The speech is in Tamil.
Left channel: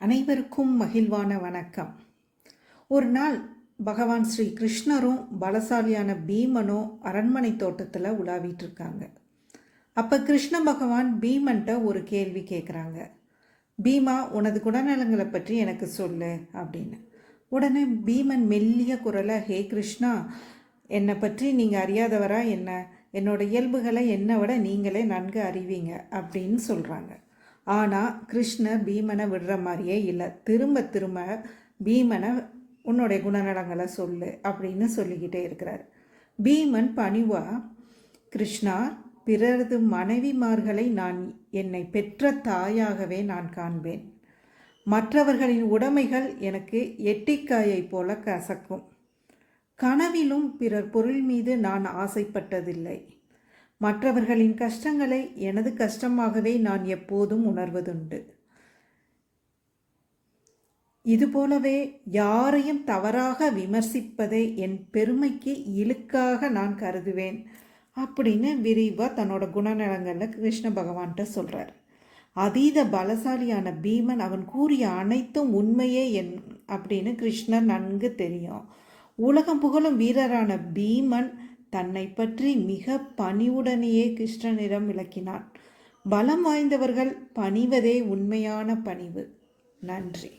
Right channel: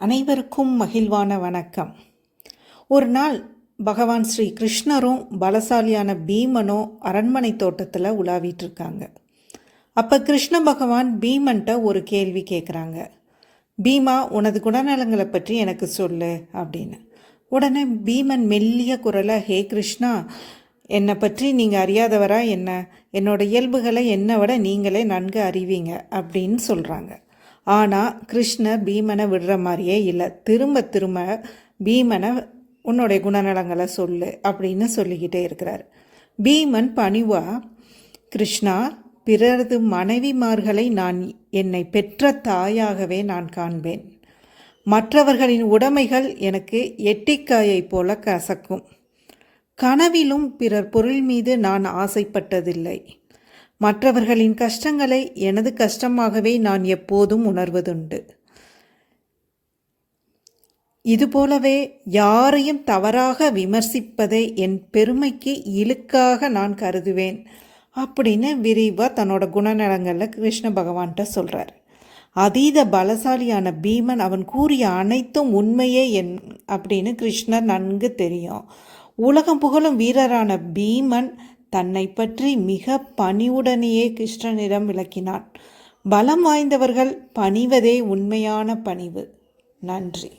அனைவருக்கும் மகிழ்வான வணக்கம். ஒரு நாள் பகவான் ஸ்ரீ கிருஷ்ணரும் பலசாலியான பீமனும் அரண்மனை தோட்டத்தில் உலாவிட்டு இருக்காங்க. அப்போ கிருஷ்ண பகவான் பீமன்ட்ட ஒரு கேள்வி கேட்குறாங்க. பீமா, உனது குணநலங்களை பற்றி எனக்கு சொல்லு அப்படின்னு. உடனே பீமன் மெல்லிய குரலை, ஹே கிருஷ்ணா, என்னை பற்றி நீங்கள் அறியாதவரா என்ன? என்னோட இயல்புகளை என்னை விட நீங்களே நன்கு அறிவீங்க அப்படின்னு சொல்கிறாங்க. ஆனால் கிருஷ்ணர் பீமனை விடுற மாதிரியே இல்லை. திரும்ப திரும்ப பீமனை உன்னுடைய குணநலங்களை சொல்லு அப்படின்னு சொல்லிக்கிட்டே இருக்கிறார். பீமன் பணிவா, கிருஷ்ணா, பிறரது மனைவிமார்களை நான் என்னை பெற்ற தாயாகவே நான் காண்பேன். மற்றவர்களின் உடைமைகள் எனக்கு எட்டிக்காயை போல கசக்கும். கனவிலும் பிறர் பொருள் மீது நான் ஆசைப்பட்டதில்லை. மற்றவர்களின் கஷ்டங்களை எனது கஷ்டமாகவே நான் எப்போதும் உணர்வதுண்டு. இதுபோலவே யாரையும் தவறாக விமர்சிப்பதை என் பெருமைக்கு இழுக்காக நான் கருதுவேன் அப்படின்னு விரிவாக தன்னோட குணநலங்களில் கிருஷ்ண பகவான்கிட்ட சொல்கிறார். அதீத பலசாலியான பீமன் அவன் கூறிய அனைத்தும் உண்மையே அப்படின்னு கிருஷ்ணர் நன்கு தெரியும். உலகம் புகழும் வீரரான பீமன் தன்னை பற்றி மிக பணிவுடனேயே கிருஷ்ணனிடம் விளக்கினான். பலம் வாய்ந்தவர்கள் பணிவதே உண்மையான பணிவு. நன்றி.